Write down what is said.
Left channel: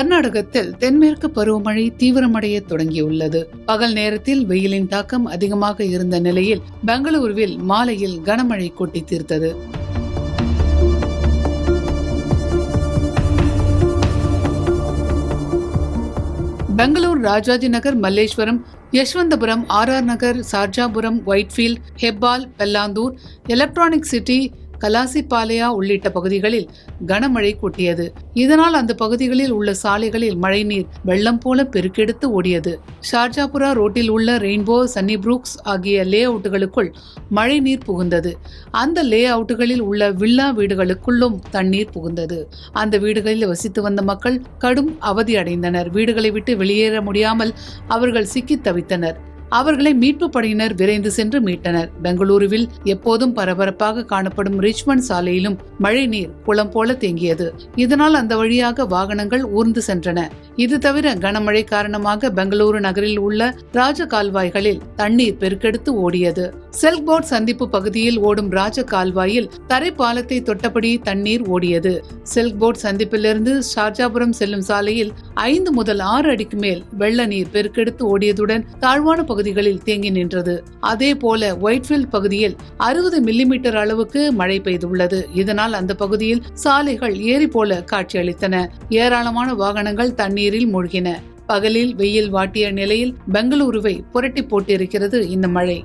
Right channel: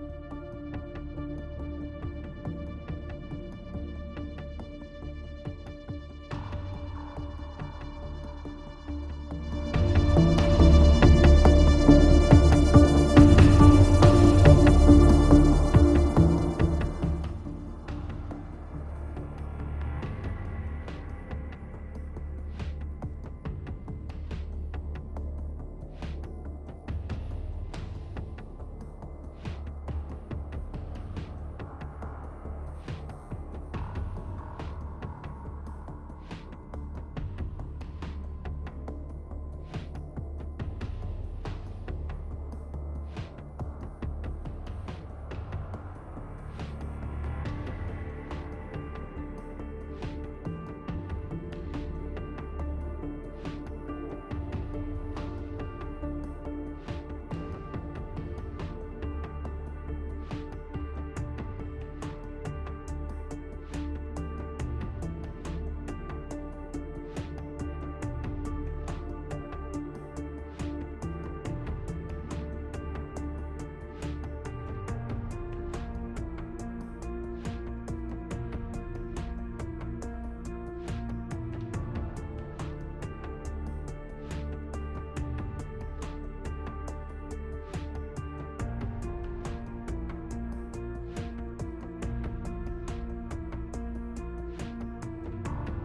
கர்நாடகத்தில் தென்மேற்கு பருவமழை தீவிரமடைய தொடங்கியுள்ளது. பகல் நேரத்தில் வெயிலின் தாக்கம் அதிகமாக இருந்த நிலையில் பெங்களூருவில் மாலையில் கனமழை கொட்டி தீர்த்தது. பெங்களூர் ராஜாஜி நகர், மல்லேஸ்வரம், யஷ்வந்தபுரம், RR நகர், சார்ஜாபுரம், ஒயிட்ஃபீல்ட், ஹெப்பால், பெல்லாந்தூர், எலக்ட்ரானிக் சிட்டி, கலாசிபாளையா உள்ளிட்ட பகுதிகளில் கனமழை கொட்டியது. இதனால் அந்த பகுதிகளில் உள்ள சாலைகளில் மழைநீர் வெள்ளம் போல பெருக்கெடுத்து ஓடியது. ஷார்ஜாபுரா ரோட்டில் உள்ள ரெயின்போ, சன்னி புரூக்ஸ் ஆகிய லே அவுட்டுகளுக்குள் மழை நீர் புகுந்தது. அந்த லே அவுட்டுகளில் உள்ள வில்லா வீடுகளுக்குள்ளும் தண்ணீர் புகுந்தது. அந்த வீடுகளில் வசித்து வந்த மக்கள் கடும் அவதி அடைந்தனர். வீடுகளை விட்டு வெளியேற முடியாமல் அவர்கள் சிக்கி தவித்தனர். அவர்களை மீட்பு படையினர் விரைந்து சென்று மீட்டனர். பெங்களூருவில் எப்போதும் பரபரப்பாக காணப்படும் ரிச்மண்ட் சாலையிலும் மழை நீர் குளம் போல தேங்கியது. இதனால் அந்த வழியாக வாகனங்கள் ஊர்ந்து சென்றன. இது தவிர கனமழை காரணமாக பெங்களூரு நகரில் உள்ள ராஜ கால்வாய்களில் தண்ணீர் பெருக்கெடுத்து ஓடியது. சில்க் போர்ட் சந்திப்பு பகுதியில் ஓடும் ராஜ கால்வாயில் தரைப்பாலத்தை தொட்டபடி தண்ணீர் ஓடியது. சில்க் போர்ட் சந்திப்பிலிருந்து ஷார்ஜாபுரம் செல்லும் சாலையில் 5 முதல் 6 அடிக்கு மேல் வெள்ள நீர் பெருக்கெடுத்து ஓடியதுடன் தாழ்வான பகுதிகளில் தேங்கி நின்றது. அதே போல ஒயிட்ஃபீல்ட் பகுதியில் 60 மில்லிமீட்டர் அளவுக்கு மழை பெய்துள்ளது. இதனால் அந்த பகுதியில் சாலைகள் ஏரி போல காட்சியளித்தன. ஏராளமான வாகனங்கள் தண்ணீரில் மூழ்கின. பகலில் வெயில் வாட்டிய நிலையில் பெங்களூருவை புரட்டி போட்டிருக்கிறது இந்த மழை.